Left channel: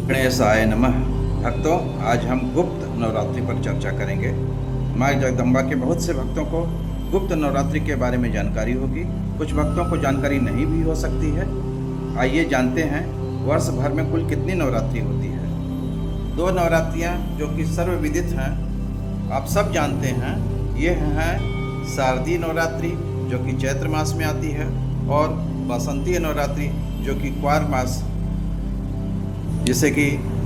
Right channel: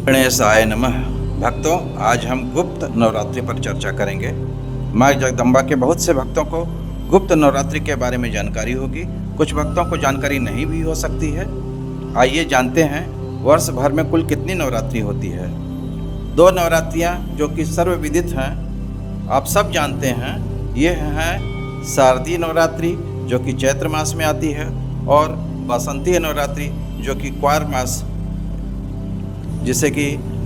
गणेशाय नमः। भक्तों, आज हम गुप्त नवरात्रि पर चर्चा करेंगे। माँ जगदम्बा के बहुत से भक्तों को गुप्त नवरात्रि के बारे में जानकारी होगी, कुछ भक्तों को जानकारी नहीं भी हो सकती है। आइए जानते हैं वर्ष भर में कुल कितनी नवरात्रि होती है। 2 नवरात्रियाँ जो कि सर्वविदित हैं, आप सब जानते हैं। ये हैं शारदीय नवरात्रि जो कि चैत्र मास में आती है, और बसंतीय नवरात्रि जो कि क्वार मास, जिसे कि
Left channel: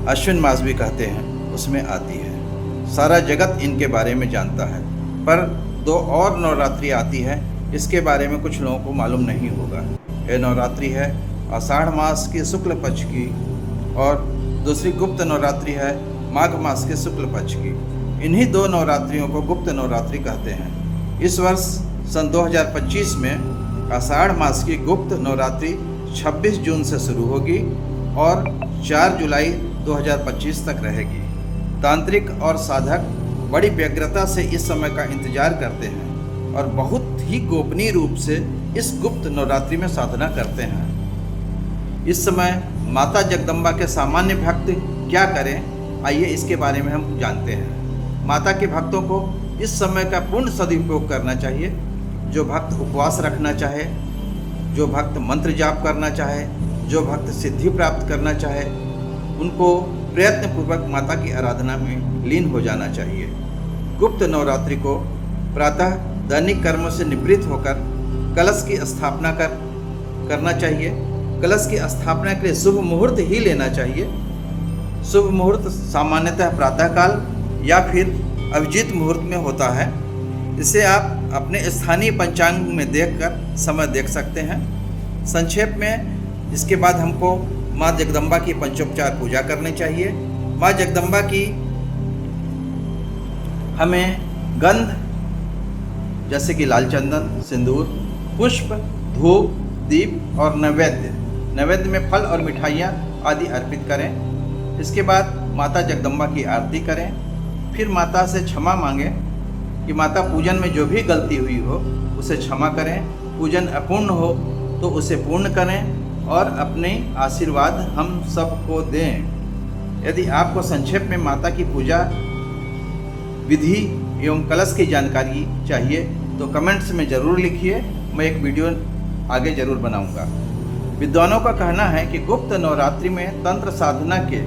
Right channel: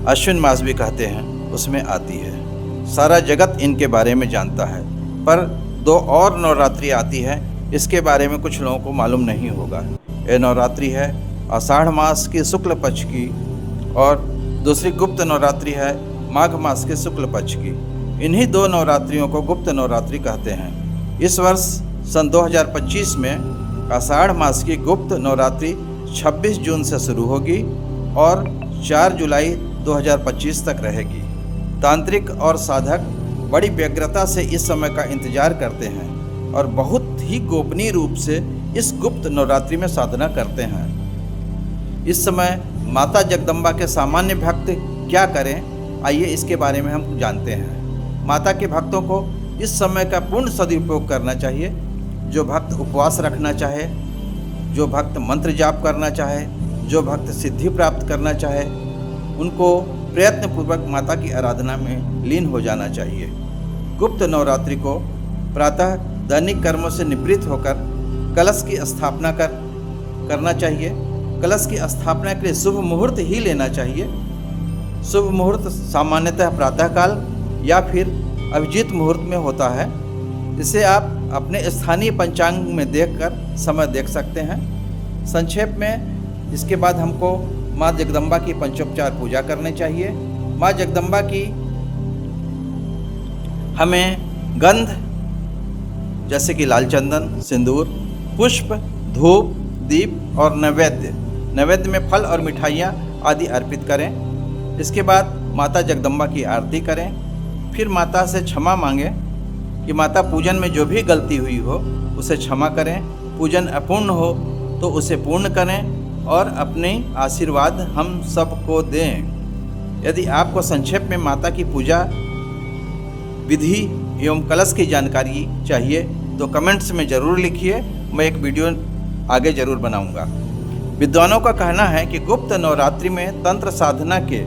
अश्विन मास भी कहते हैं, उसमें आती है। सारा जगत इनके बारे में जानता है, पर 2 और नवरात्रि आती है, इसके बारे में कुछ लोगों को मालूम नहीं होगा। यह नवरात्रि है आषाढ़ मास के शुक्ल पक्ष की, और दूसरी गुप्त नवरात्रि है माघ मास के शुक्ल पक्ष की। इन्हीं 2 नवरात्रियों को गुप्त नवरात्रि कहते हैं। इस वर्ष सन 2025 में आषाढ़ मास की गुप्त नवरात्रि 26 जून से शुरू होगी और 4 जुलाई 2025 तक रहेगी। तांत्रिक और साधक बड़ी व्यग्रता से इस समय का इंतजार करते हैं और बहुत ही गोपनीय रूप से इस गुप्त नवरात्रि में साधना करते हैं। इस समय माता जगदम्बा के सामान्य भक्त क्या करें, आइए इसके बारे में हम जानते हैं। माता के भक्तों को इस समय का पूर्ण सदुपयोग करना चाहिए। जो भक्त उपवास रखना चाहे, जो भक्त मंत्र जाप करना चाहे, जो भक्त सिद्धि प्राप्त करना चाहे, उनको प्रयत्नपूर्वक माता की आराधना में लीन हो जाना चाहिए। गुप्त नवरात्रि को प्रातः दैनिक कर्मों से निवृत्त होकर कलश की स्थापना करना चाहिए। कलश की स्थापना के लिए शुभ मुहूर्त ही लेना चाहिए। शुभ मुहूर्त सामान्यतः प्रातःकाल या फिर अभिजीत मुहूर्त में होता है। इसे आप अपने स्थानीय पंचांग में देखकर समय देख सकते हैं। संक्षेप में इसके बाद हमको माँ जगदम्बा की पंचोपचार पूजा करनी चाहिए। माँ जगदम्बा की हमें गंध जैसे कि लाल चंदन, सिंदूर, पुष्प, धूप, दीप और नैवेद्य में फल और मिठाइयाँ आदि अर्पित करें। इसके बाद माता जगदम्बा की आरती करें। फिर माता से क्षमा मांगें कि माता पूजन में जो भी गलती हुई हो उसे क्षमा करें। पूजन अपूर्ण हो तो उसे पूर्ण करें और अपने आशीर्वाद हम सबको दें। यदि आपको संक्षेप में माता की पूजा विधि एवं कलश की जानकारी चाहिए तो कमेंट्स में ज़रूर लिखिए। मैं एक वीडियो आगे ज़रूर बनाऊंगा। विद्वानों का कहना है कि गुप्त नवरात्रि में तंत्र साधना के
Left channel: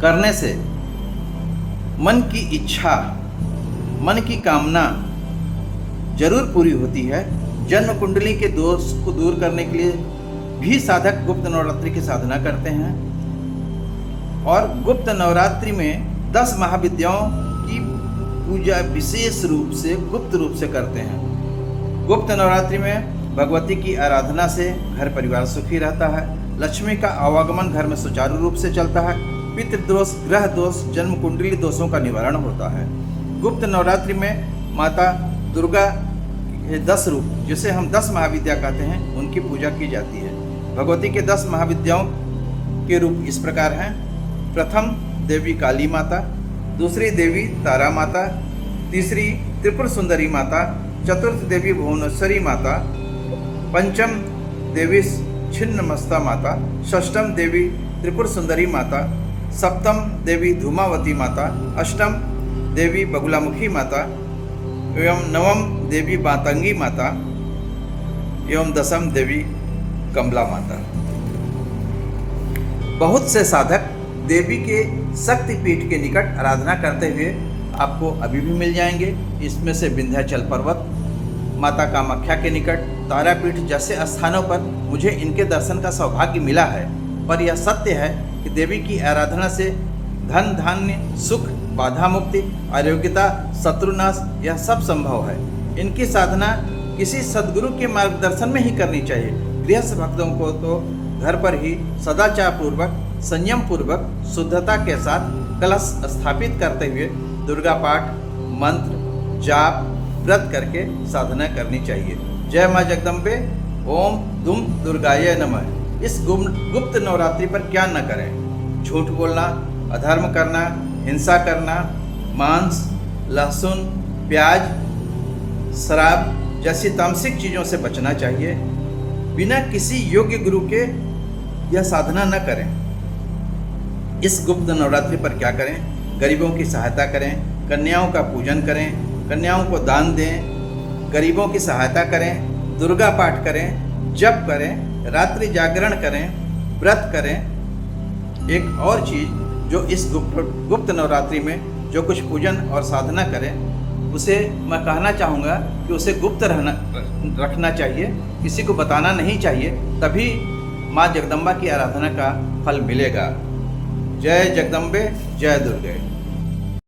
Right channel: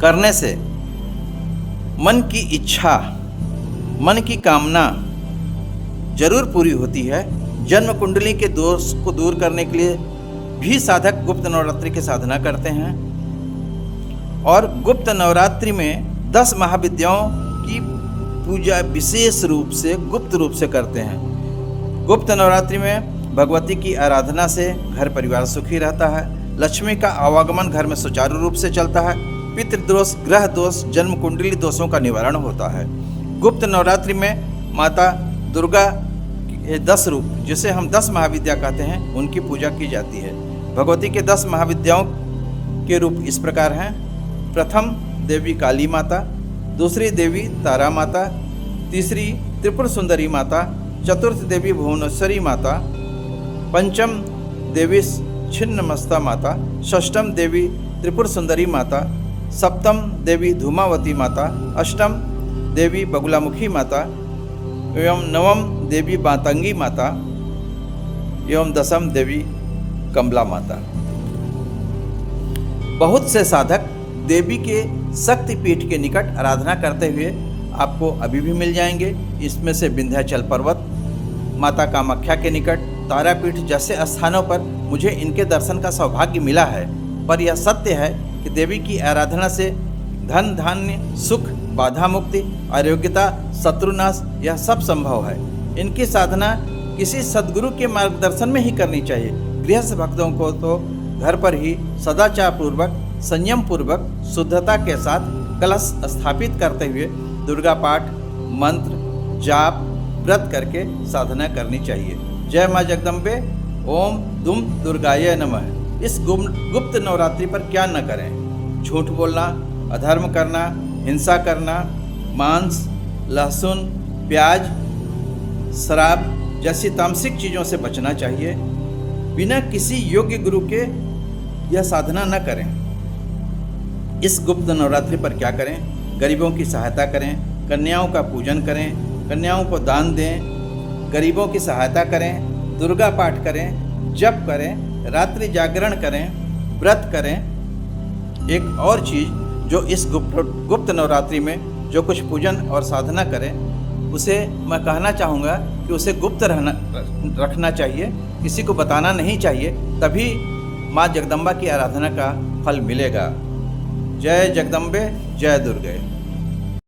करने से मन की इच्छा, मन की कामना जरूर पूरी होती है। जन्म कुंडली के दोष को दूर करने के लिए भी साधक गुप्त नवरात्रि की साधना करते हैं। और गुप्त नवरात्रि में 10 महाविद्याओं की पूजा विशेष रूप से गुप्त रूप से करते हैं। गुप्त नवरात्रि में भगवती की आराधना से घर परिवार सुखी रहता है। लक्ष्मी का आवागमन घर में सुचारू रूप से चलता है। पितृदोष, ग्रह दोष, जन्म कुंडली दोषों का निवारण होता है। गुप्त नवरात्रि में माता दुर्गा के 10 रूप, जिसे हम 10 महाविद्या कहते हैं, उनकी पूजा की जाती है। भगवती के 10 महाविद्याओं के रूप इस प्रकार हैं। प्रथम देवी काली माता, दूसरी देवी तारा माता, तीसरी त्रिपुर सुंदरी माता, चतुर्थ देवी भुवनेश्वरी माता, पंचम देवी छिन्नमस्ता माता, षष्ठम देवी त्रिपुर सुंदरी माता, सप्तम देवी धूमावती माता, अष्टम देवी बगुलामुखी माता एवं नवम देवी मातंगी माता एवं दसम देवी कमला माता। बहुत से साधक देवी के शक्तिपीठ के निकट आराधना करते हुए आपको अभी भी मिल जाएंगे। इसमें से विंध्याचल पर्वत, माता कामाख्या के निकट, तारापीठ जैसे स्थानों पर मुझे इनके दर्शन का सौभाग्य मिला है। पर यह सत्य है कि देवी की आराधना से धन, धान्य, सुख, बाधा मुक्ति, आरोग्यता, शत्रुनाश, यह सब संभव है। इनकी साधना किसी सद्गुरु के मार्गदर्शन में ही करनी चाहिए। गृहस्थ भक्तों को तो घर पर ही सदाचार पूर्वक, संयम पूर्वक, शुद्धता के साथ कलश स्थापित करते हुए दुर्गा पाठ, मंत्र, जाप, व्रत करके साधना करनी चाहिए। जय माँ जगदम्बे। ओम दुम दुर्गाय नमः। इस गुप्त नवरात्रि पर क्या न करें। झूठ बोलना, अधर्म करना, हिंसा करना, मांस, लहसुन, प्याज, शराब जैसी तामसिक चीज़ों से बचना चाहिए। बिना किसी योग्य गुरु के यह साधना न करें। इस गुप्त नवरात्रि पर क्या करें? गरीबों की सहायता करें, कन्याओं का पूजन करें, कन्याओं को दान दें, गरीबों की सहायता करें, दुर्गा पाठ करें, जप करें, रात्रि जागरण करें, व्रत करें। एक और चीज़ जो इस गुप्त नवरात्रि में जो कुछ पूजन और साधना करें, उसे मैं कहना चाहूँगा कि उसे गुप्त रखना चाहिए, किसी को बताना नहीं चाहिए, तभी माँ जगदम्बा की आराधना का फल मिलेगा। जय जगदम्बे, जय दुर्गे।